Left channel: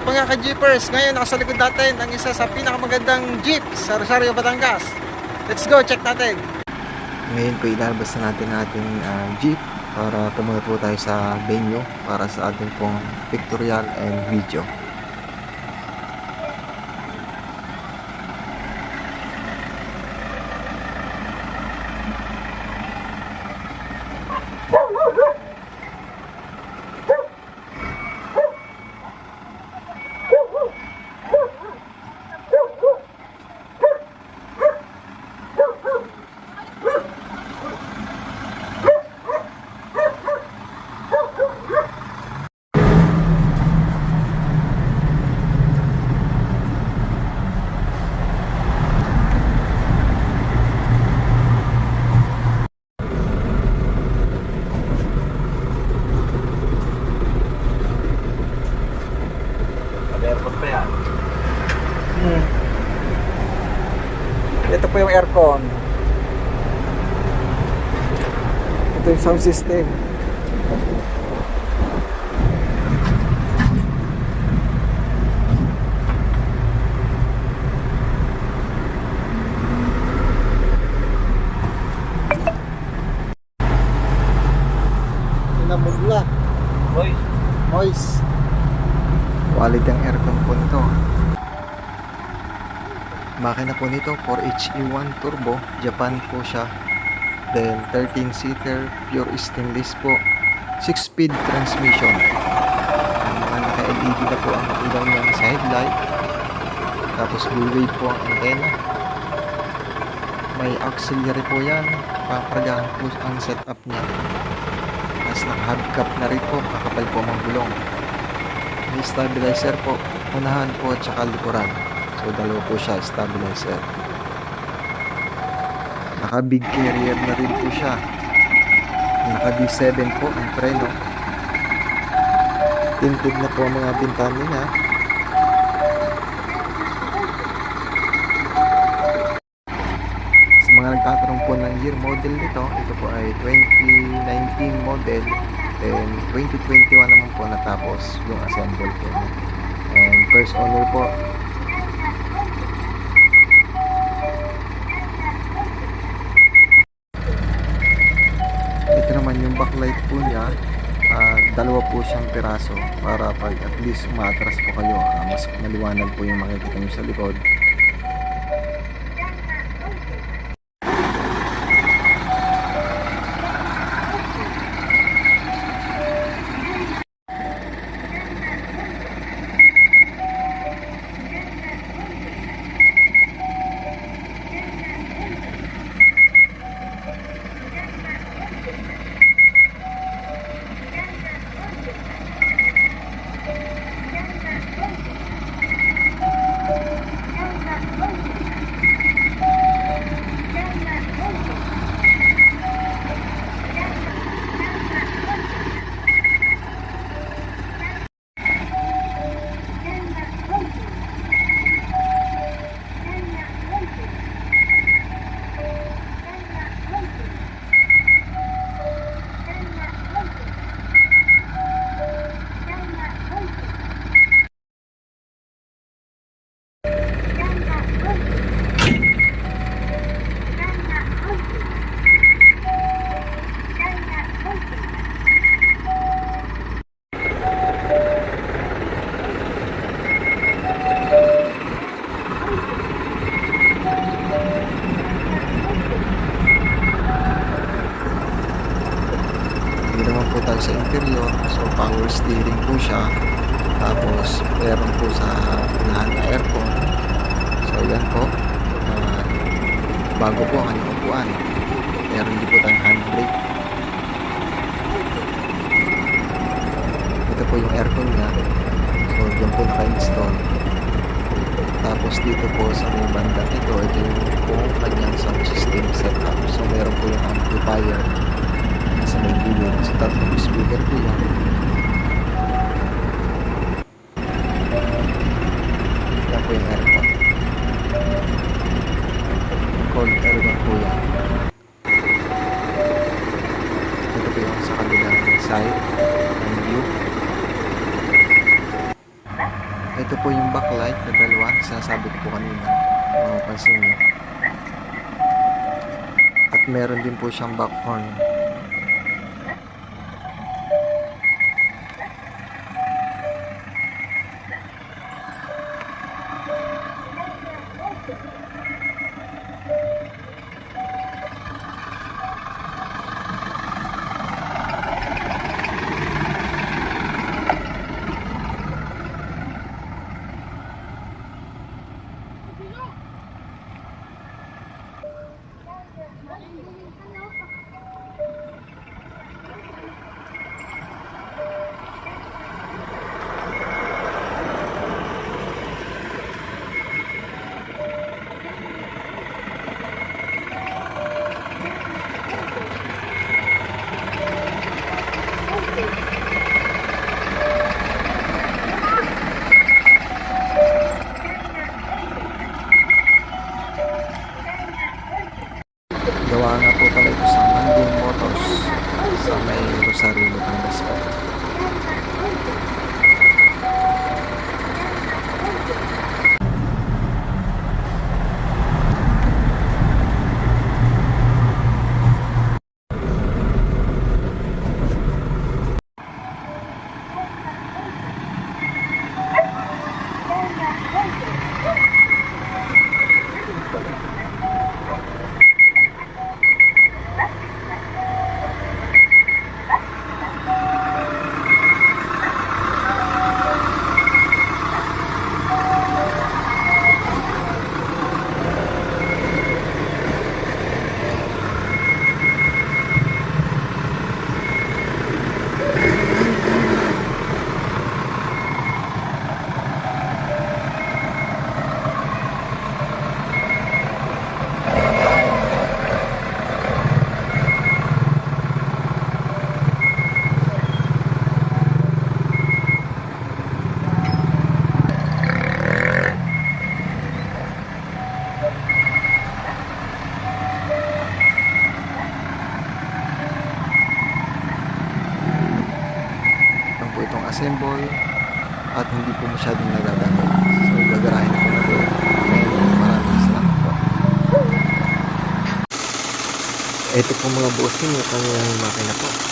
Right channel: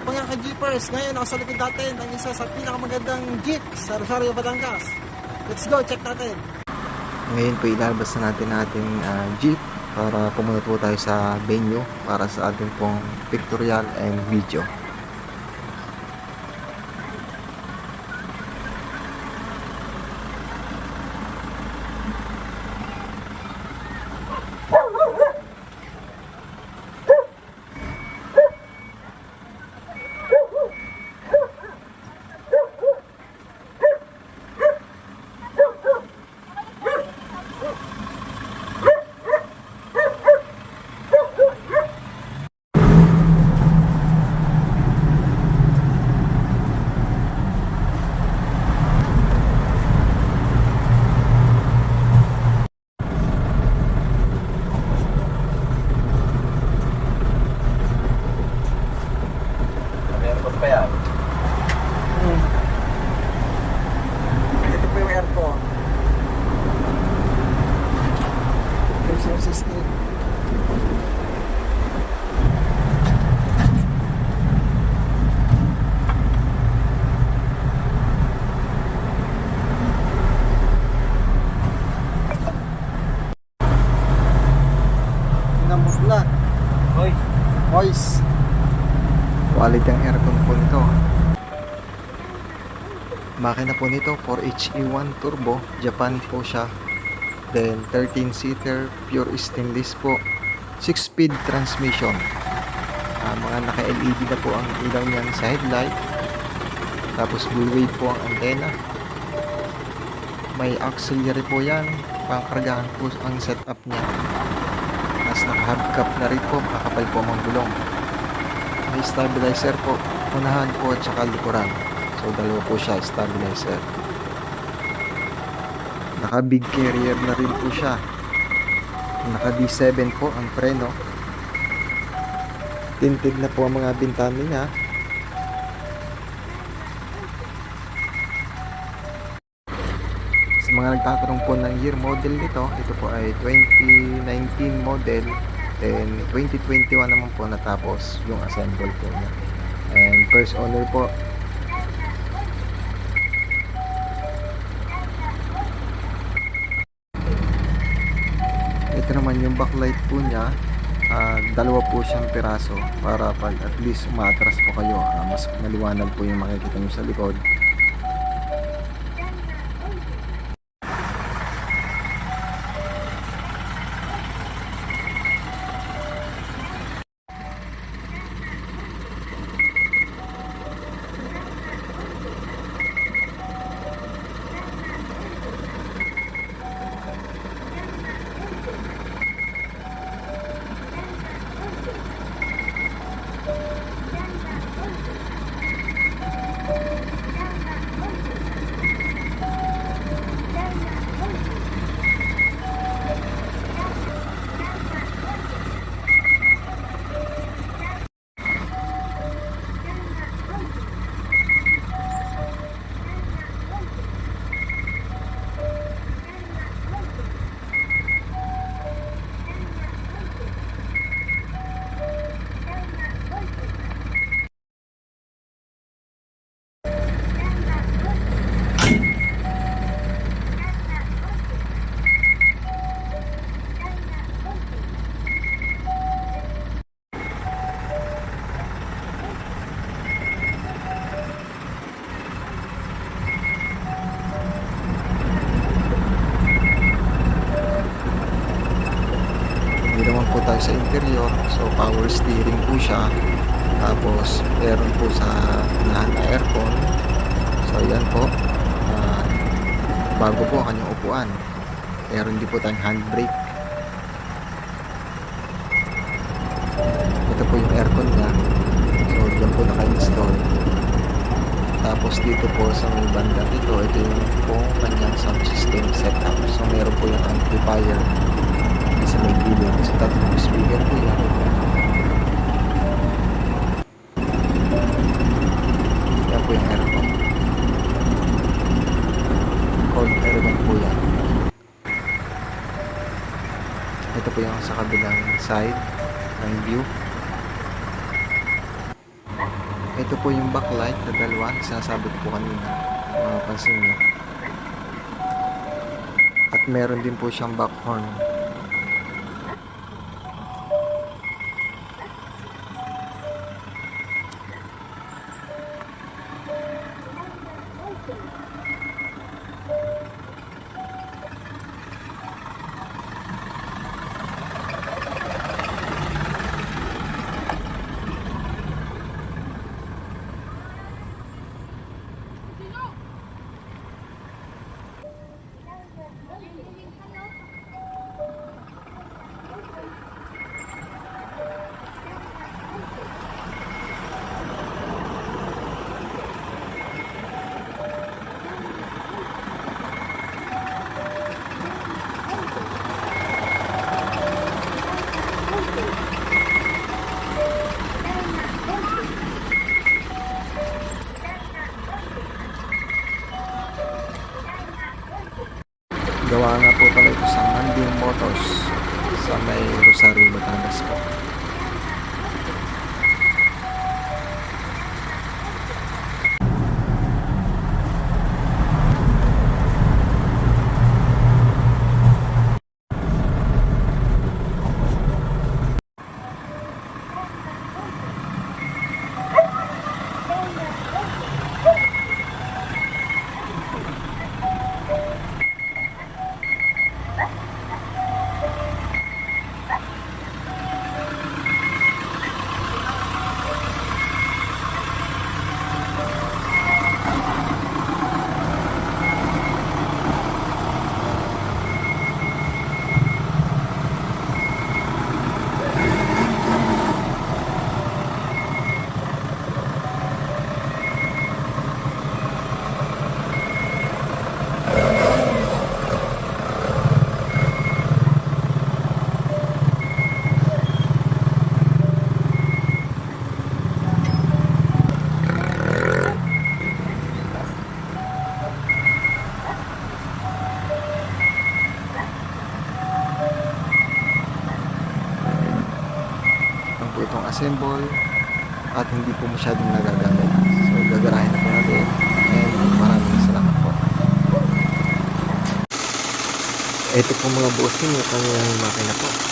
Ito pa nga ka-jeepers, ngayon nasa likod natin ang isa sa pinakamagandang jeep sa Rosario, Batangas. Let's go, check natin. Ngayon po ilalabas na natin ating jeep para pumunta po tayo sa venue para sa ating pong pictorial and video. Ito po yung aircon. Ito yung sound system. Pinamugla. Moist. Quality ang aircon po nito. Makina po nito 4HE1 turbo, Japan po siya. Then 13-seater, pure stainless po. 6-speed transmission. Mga naka-LED na po ang ilaw niya sa headlight. Tapos full wave po ang antena. May auxiliary po yan. Pangkargahan po ang setup niya. Tapos naka-hubcap na rin po, kakapal po ang gulong. May stabilizer po, unahan po at saka likuran. So dalawa po siya, stabilizer. Naka big carrier na rin po siya. Naka D7 po ang preno. Tinted na po ang mga bintana niya. Sa mga nagtatanong po ng year model nito, ito po ay 2019 model. Then 2021 naman po natapos yung assemble po niya. And first owner po. Ito naman yung backlight po niya. Dalawa po siyang piraso para pag at least umaatras po kayo, mas maliwanag po yung makikita nyo sa likod. Hindi naman po tayo sa interior, so power steering po siya. Tapos meron po sa unahan na aircon. So yan po, bago po ang kanyang upuan. Meron din po tayong handbrake. Ito po yung aircon niya. So yan po naka-install. Tapos dito po sa may bandang ito yung po kanyang sound system setup. So meron po yung amplifier sa may gilid. So tatlong speaker po yan. Yan po yung aircon. Cold aircon po yan. Ito po yung sa kabilang side ng view. Ito po yung backlight na dalawa, sinasabi ko po kanina, mapapansin nyo. At meron din po siyang back horn. Gawa nga po pala ito sa Manding Motors sa may Rosario, Batangas po. Lang po itong assemble at hindi po masyadong nagagamit. So gagarahin na po natin and maraming salamat po. Ito po mga bossing, yung kanyang makina po.